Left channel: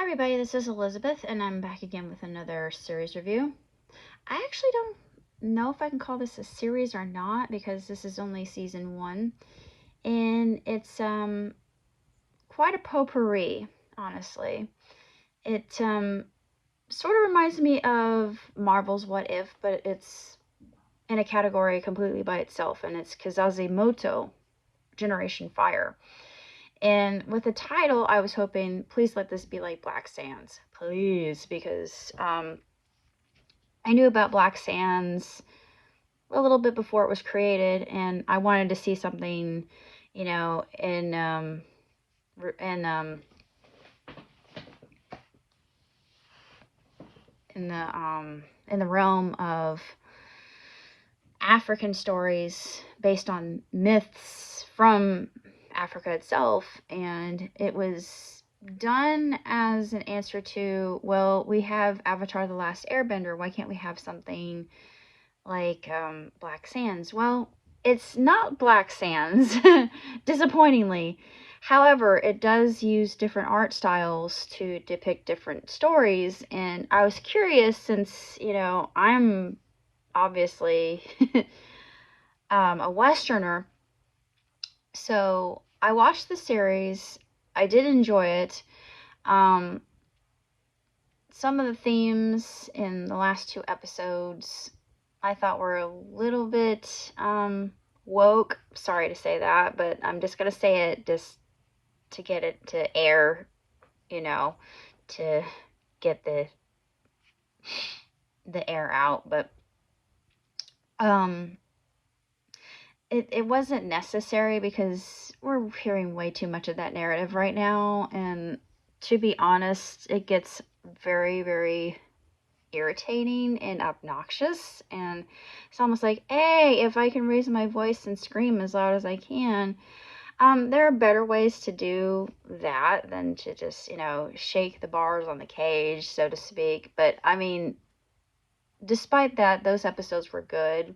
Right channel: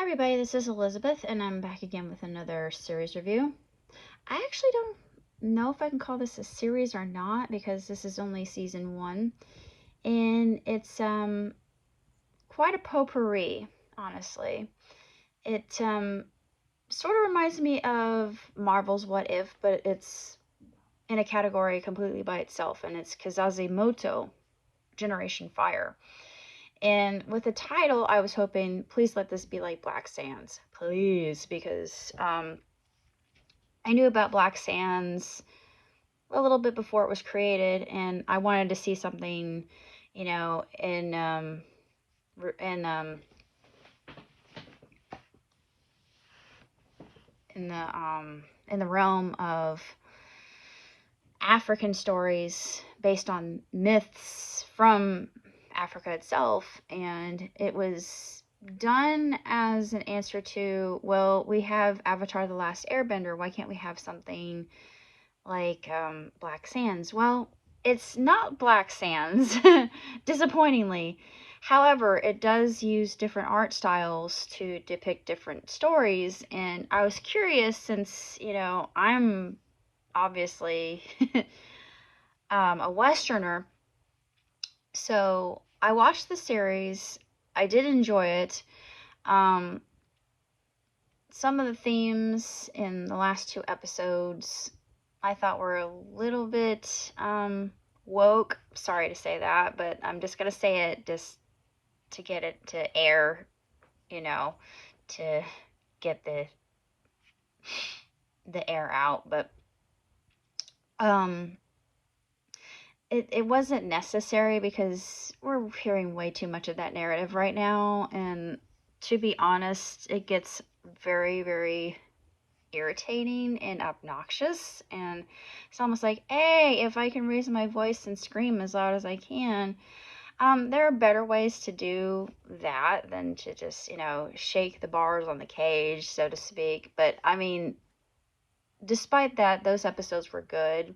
Hi everybody, this is Elizabeth and I'm back again with another series review. I actually don't know if I can call this a series or not because this is only season 1 and it's quite a potpourri, honestly. It sort of reminds me of Marvel's What If, but it's in a category completely by itself, and it's Kizazi Moto, Generation Fire. And with the title, I was hoping, please let this be like Black Sands. Please, because I knew about Black Sands a little bit before it was created, and I wanted to see something, you know, in in the realm of African stories based on myths from Africa itself, and it was done as an answer to, well, we have Avatar The Last Airbender, why can't we have something like Black Sands? Well, it's not Black Sands, disappointingly. However, it does use different art styles to depict different stories, and I was curious since, I'm obviously a Westerner. So I watched the series. I did enjoy it. Um, some of the themes in the last 2 episodes I thought were a little bit woke. Sorry to say that, but I'm just going to say it just to get it to air, to get the air out. But um, it wasn't necessary because we're hearing way too much of that narrative right now, and to be honest, it gets very, very irritating and obnoxious, and it's almost like, hey, if I can raise my voice and scream as loud as I can, there are better ways to do that than to just, shake the bars on the cage, so to speak. But I mean, despite that, those episodes were good.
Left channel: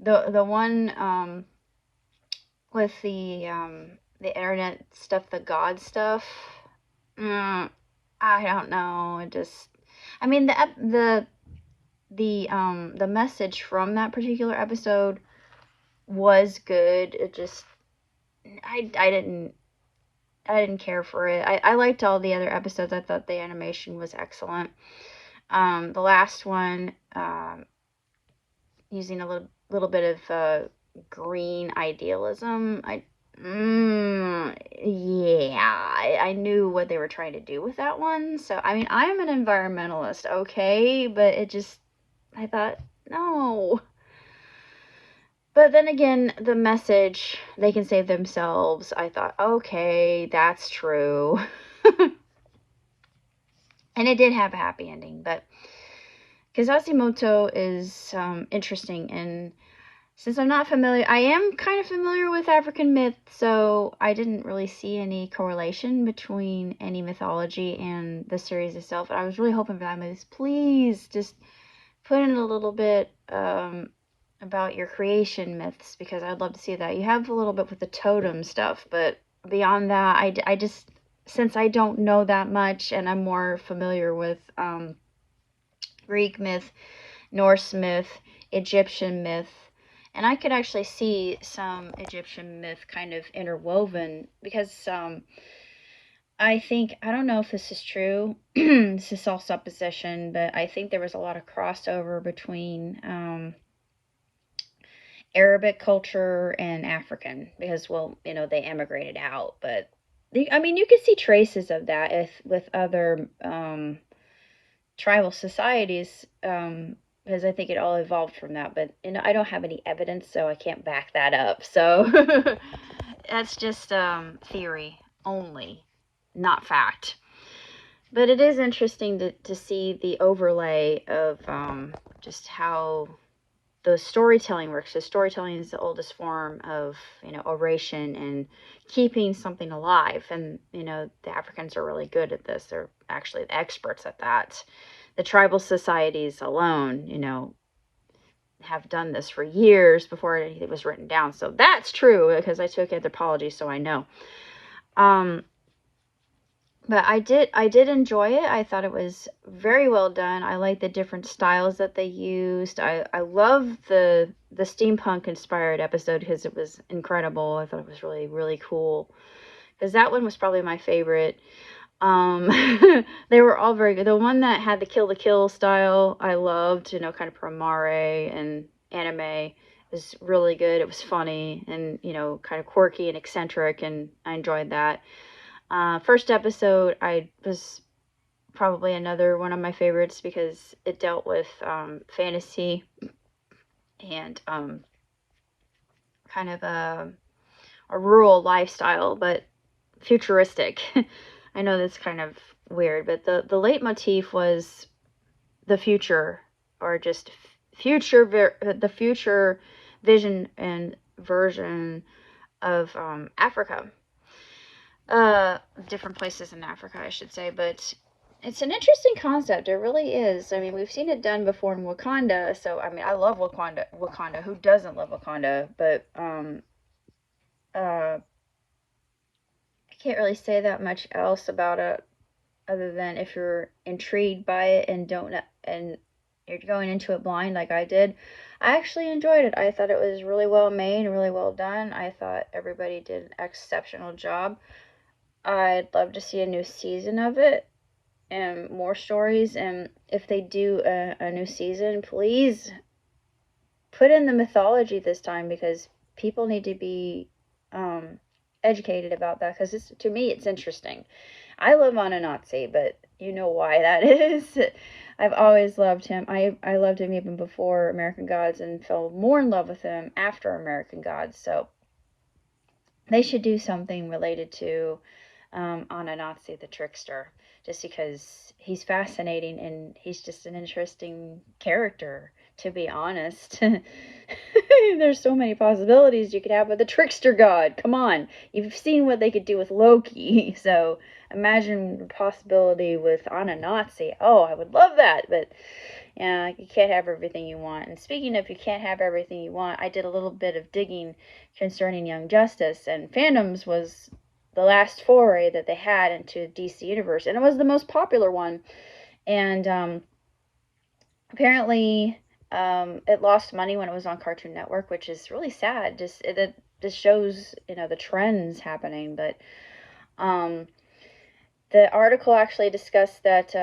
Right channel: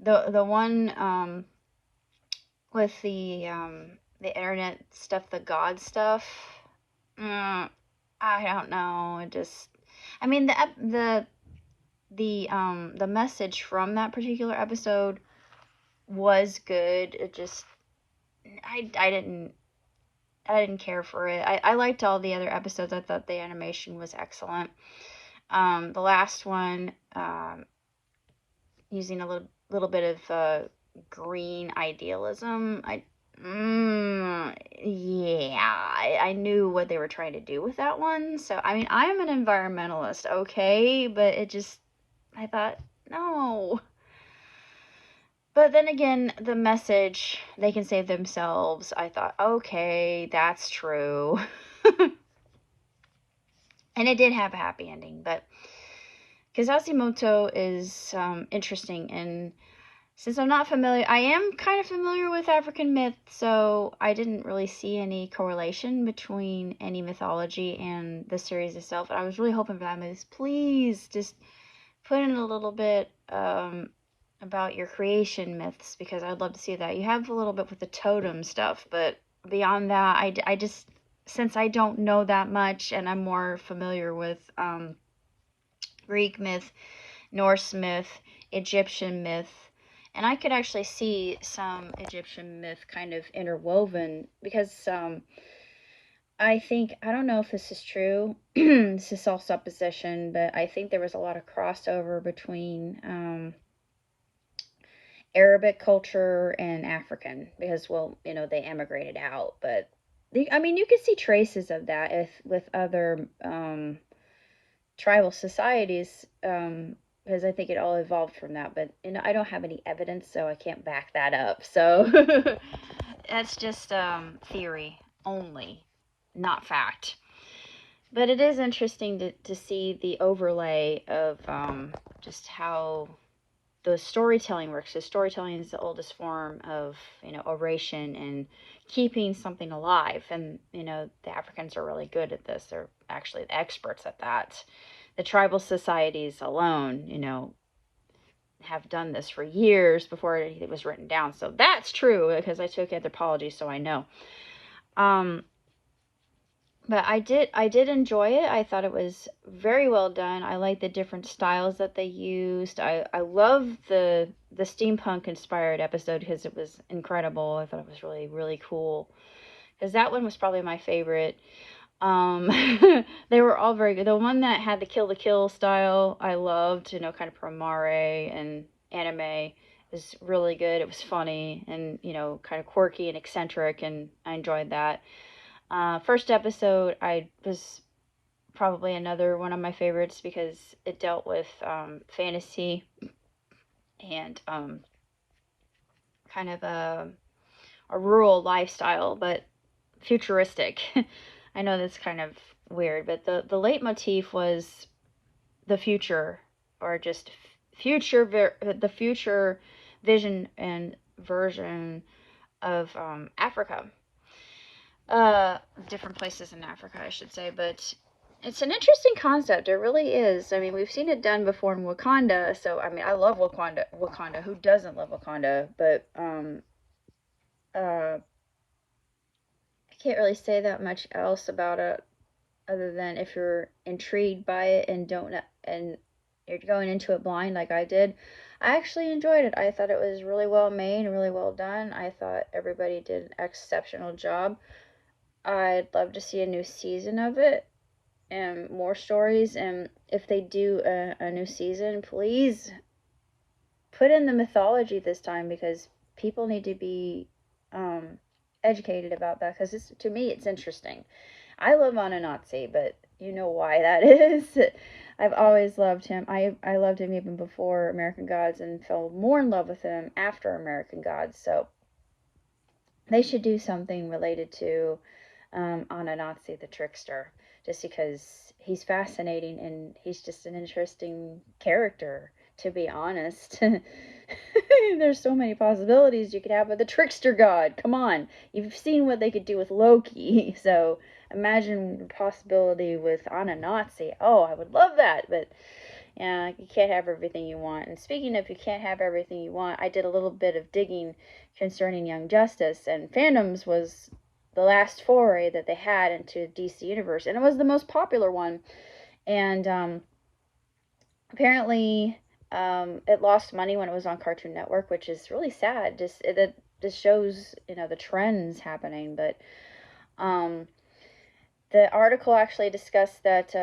The one with the internet stuff, the God stuff, I don't know. It just, I mean, the message from that particular episode was good. It just, I didn't care for it. I liked all the other episodes. I thought the animation was excellent. The last one, using a little bit of green idealism. I knew what they were trying to do with that one. So, I mean, I'm an environmentalist, okay, but I thought, no. But then again, the message, they can save themselves, I thought, okay, that's true. And it did have a happy ending, but Moto is interesting, and since I'm not familiar, I am kind of familiar with African myth, so I didn't really see any correlation between any mythology and the series itself. And I was really hoping for that. Please just put in a little bit about your creation myths, because I'd love to see that. You have a little bit with the totem stuff, but beyond that, I just, since I don't know that much and I'm more familiar with Greek myth, Norse myth, Egyptian myth, and I could actually see some Egyptian myth kind of interwoven, because I think, I don't know if this is true, this is all supposition, but I think there was a lot of crossover between Arabic culture and African, because, well, they emigrated out, but I mean, you can see traces of that with other tribal societies, because I think it all evolved from that. But I don't have any evidence, so I can't back that up. So that's just theory only, not fact. But it is interesting to see the overlay of just how the storytelling works. So storytelling is the oldest form of, oration and keeping something alive. And, the Africans are really good at this. They're actually the experts at that. The tribal societies alone, have done this for years before it was written down. So that's true, because I took anthropology, so I know. But I did enjoy it. I thought it was very well done. I like the different styles that they used. I love the steampunk inspired episode because it was incredible. I thought it was really, really cool. Because that one was probably my favorite. Um, they were all very good. The one that had the kill style, I loved, kind of promare and anime. Was really good. It was funny and, kind of quirky and eccentric, and I enjoyed that. First episode, I was probably another one of my favorites because it dealt with fantasy and kind of a rural lifestyle, but futuristic. I know that's kind of weird, but the leitmotif was the future, or just the future vision and version of Africa. Different places in Africa, I should say, but it's an interesting concept. It really is. I mean, we've seen it done before in Wakanda, so I mean, I love Wakanda. Wakanda. Who doesn't love Wakanda? But I can't really say that much else about it, other than if you're intrigued by it and don't and you're going into it blind like I did. I actually enjoyed it. I thought it was really well made, really well done. I thought everybody did an exceptional job. I'd love to see a new season of it and more stories. And if they do a new season, please put in the mythology this time, because people need to be educated about that, because to me it's interesting. I love Ananazzi, but you know why that is. I've always loved him. I loved him even before American Gods and fell more in love with him after American Gods. So they should do something related to Ananazzi the trickster, just because he's fascinating and he's just an interesting character, to be honest. There's so many possibilities you could have with the trickster god. Come on, you've seen what they could do with Loki, so imagine the possibility with Ananazzi. Oh, I would love that, but yeah, you can't have everything you want. And speaking of you can't have everything you want, I did a little bit of digging concerning Young Justice, and Fandoms was the last foray that they had into DC Universe, and it was the most popular one. And apparently, it lost money when it was on Cartoon Network, which is really sad. This shows the trends happening. But the article actually discussed that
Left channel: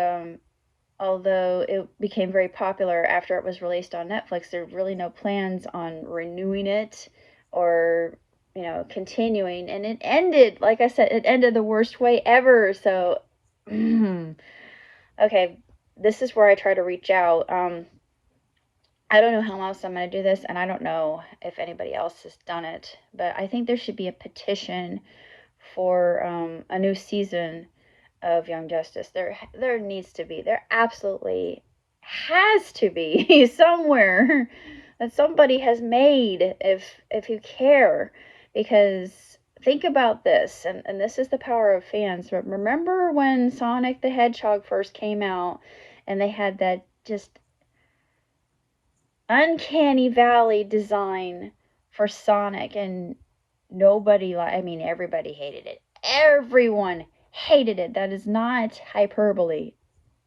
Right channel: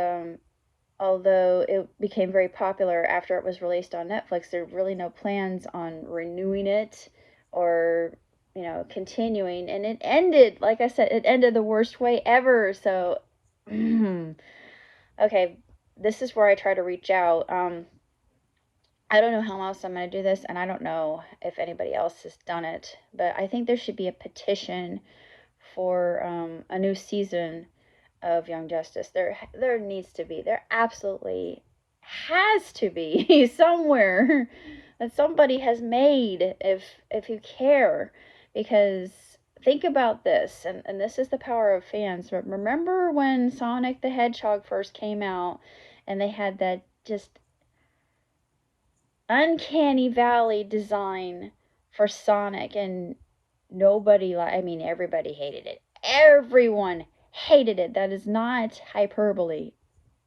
although it became very popular after it was released on Netflix, there are really no plans on renewing it or continuing. And it ended, like I said, it ended the worst way ever. So okay, this is where I try to reach out. I don't know how else I'm going to do this, and I don't know if anybody else has done it, but I think there should be a petition for a new season of Young Justice. There needs to be. There absolutely has to be somewhere that somebody has made, if you care. Because think about this, and this is the power of fans. But remember when Sonic the Hedgehog first came out, and they had that just uncanny valley design for Sonic, and everybody hated it. Everyone hated it. That is not hyperbole.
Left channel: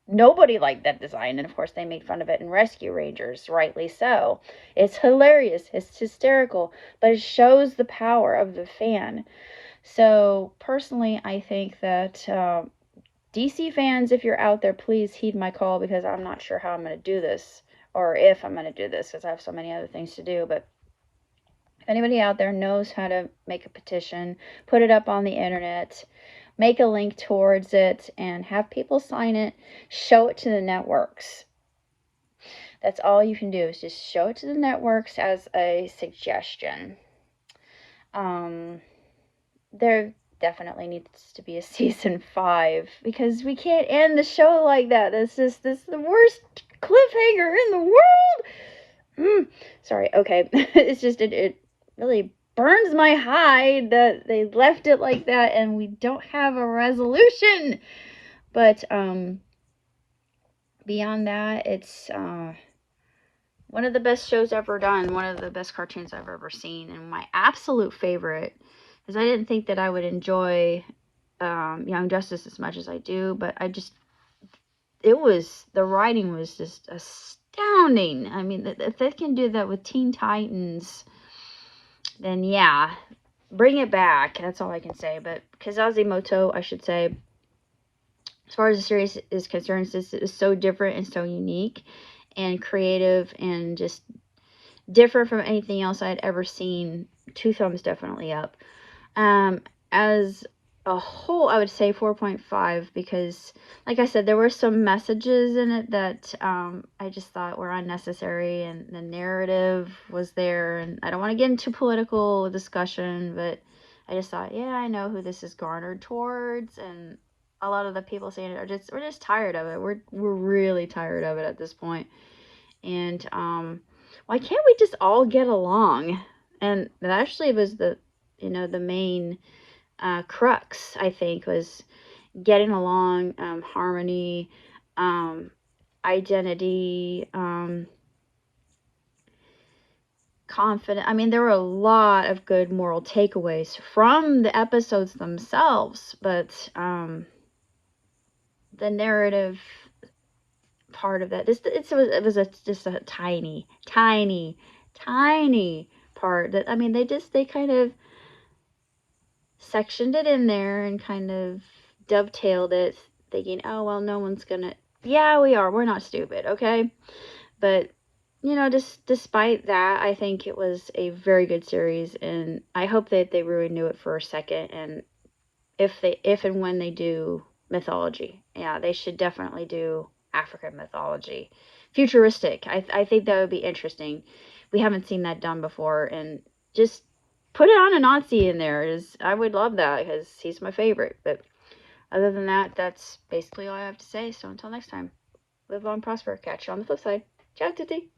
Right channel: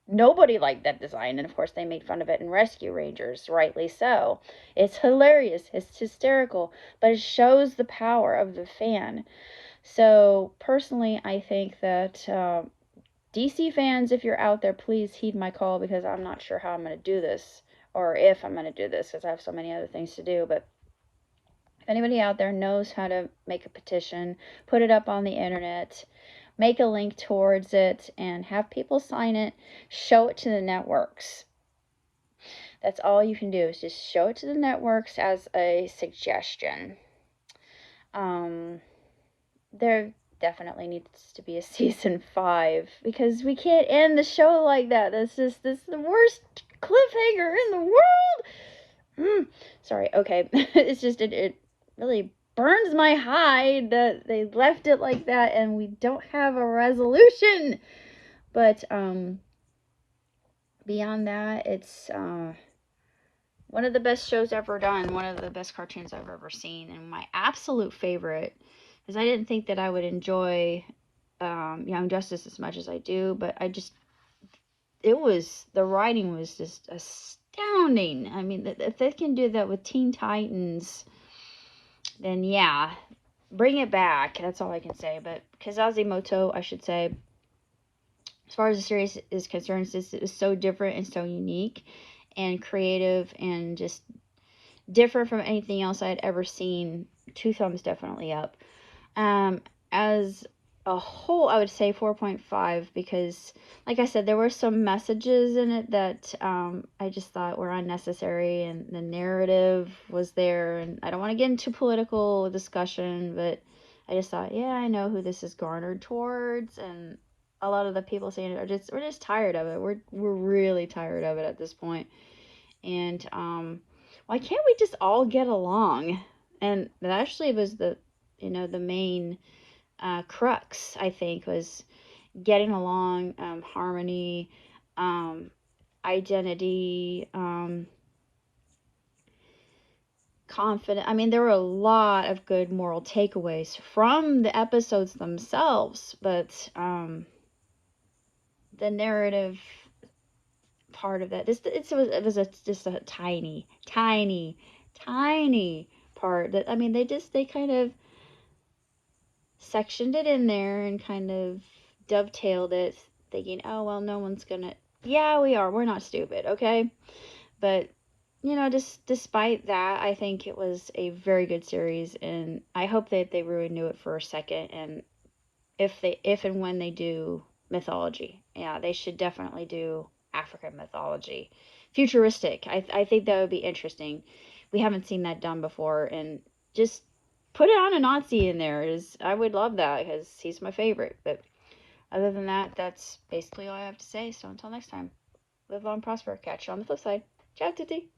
Nobody liked that design, and of course they made fun of it in Rescue Rangers, rightly so. It's hilarious, it's hysterical, but it shows the power of the fan. So personally, I think that DC fans, if you're out there, please heed my call, because I'm not sure how I'm going to do this, or if I'm going to do this, because I have so many other things to do. But if anybody out there knows how to make a petition, put it up on the internet, make a link towards it, and have people sign it, show it to the networks. That's all you can do, is just show it to the networks as a suggestion. There definitely needs to be a season 5, because we can't end the show like that. This is the worst cliffhanger in the world. Sorry, okay. It's just, it really burns my hide that they left it like that and we don't have a resolution. But beyond that, it's one of the best shows ever done, one of the best cartoons I've ever seen, and my absolute favorite, because I didn't think that I would enjoy Young Justice as much as I do, but the writing was just astounding. I mean, if they can do that with Teen Titans, then yeah, bring it back. That's all I can say. But Kizazi Moto, I should say, as far as the series is concerned, this is so different and so unique and creative and just different from anything else I'd ever seen. 2 thumbs definitely up. As a whole, I would say 4.5 because, like I said, there were some messages in it that I just thought were unnecessary, and the narrative was there. And I don't want to get into political discussion, but I just thought, yeah, I know who this is garnered towards, and a lot of the people saying it we're just tired of it. We're really tired of it at this point. And why can't we just all get along? And that actually was the main crux, I think, was getting along, harmony, identity, confident. I mean, there were a lot of good moral takeaways from the episodes themselves, but the narrative part of that, it was just a tiny, tiny, tiny part that, I mean, they kind of sectioned it in there and kind of dovetailed it, thinking, oh, well, no one's gonna, yeah, we're not stupid, okay? But, just despite that, I think it was a very good series, and I hope that they renew it for a second, and if and when they do mythology, yeah, they should definitely do African mythology. Futuristic. I think that would be interesting. We haven't seen that done before, and just put it on a Nazi in there. I would love that because he's my favorite. But other than that, that's basically all I have to say. So until next time, live long, prosper. Catch you on the flip side. Ciao, Tutti.